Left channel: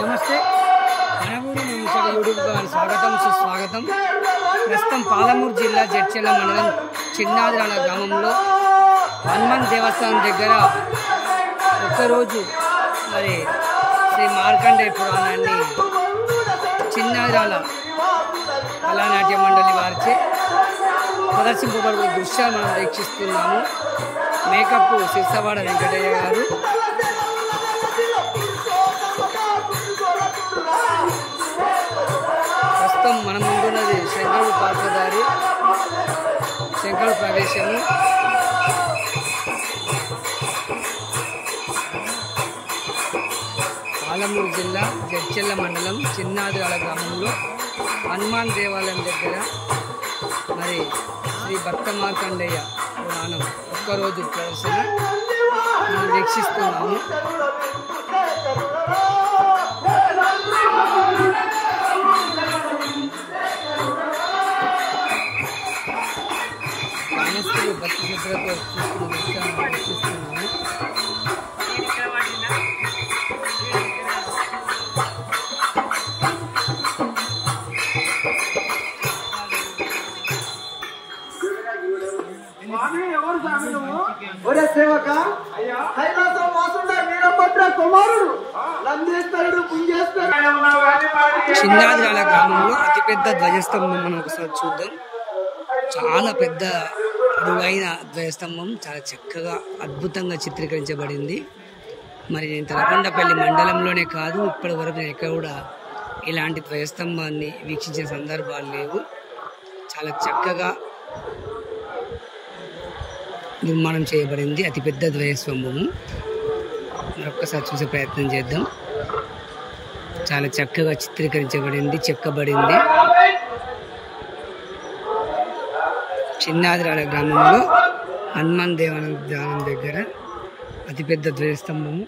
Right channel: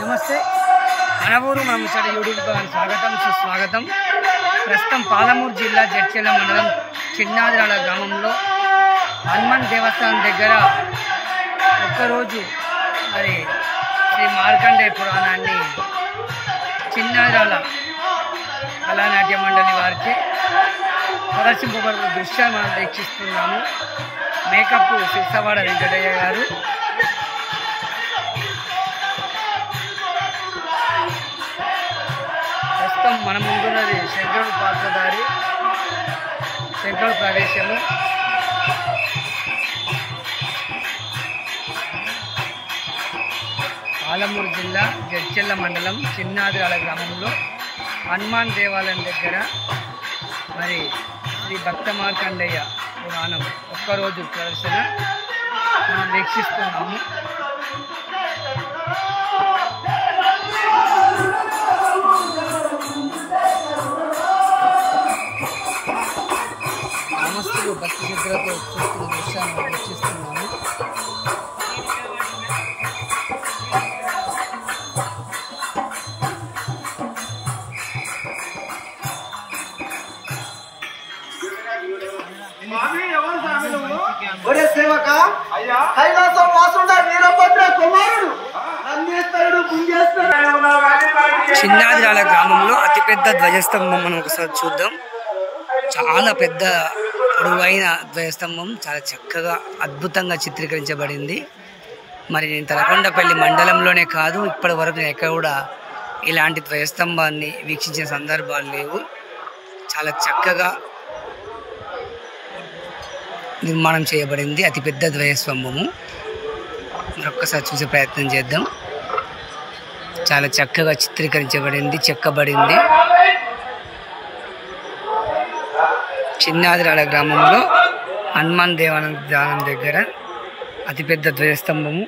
నమస్తే మన ఊరు మన ముచ్చట యూట్యూబ్ స్వాగతం సుస్వాగతం. ప్రస్తుతం పాలమూరు జిల్లా జడ్చెల్ల మండలం చిన్నాదిరాల గ్రామంలో హనుమాన్ దేవస్థానం దగ్గర ఒక్కరోజు మరి శ్రీ మార్కండేయ పురాణాన్ని చిన్నాదిరాల కళానాట్య మండలి వారిచే ప్రదర్శింపబడిన దృశ్యాలు మనం వీక్షిస్తున్నాము. మేకప్ సిరిసవాడ వెంకటయ్య గారు. ప్రస్తుతం మన ముందున్నది శంకరుడు పాత్రధారి, శంకరుడు ప్రవేశము. పాలమూరు జిల్లా జడ్చెల్ల మండలం చిన్నాదిరాల గ్రామంలో హనుమాన్ దేవాలయం దగ్గర మరి శ్రీ భక్త మార్కండేయ పురాణం ఒక్కరోజు ప్రదర్శన మనం వీక్షిస్తున్నాము. గ్రామస్తులు భక్తి శ్రద్ధలతో చూస్తున్న దృశ్యాన్ని మనం వీక్షిస్తున్నాము. చిన్నాదిరాల గ్రామంలో అతిపెద్ద ధ్వజస్తంభం మనం ఒకసారి చూద్దాం. చాలా పెద్ద పొడవైన ధ్వజస్తంభం, చాలా చక్కగా అద్భుతంగా చిత్రీకరించబడింది. మరి నేను తలకొండపల్లి మండలంలోనే కాదు, ఇప్పటి వరకు నేను ఎక్కడ కూడా ఇలాంటి ధ్వజస్తంభాన్ని వీక్షించిన సందర్భాలు లేవు. చాలా చక్కగా నిర్మాణం చేయబడింది అతిపెద్ద ధ్వజస్తంభము. మరొక్కసారి చూసే ప్రయత్నం చేద్దాం. చాలా చక్కగా చిత్రీకరించబడింది, చెక్కబడింది. చిన్నాదిరాల గ్రామంలో హనుమాన్ దేవాలయం దగ్గర అతిపెద్ద ధ్వజస్తంభము.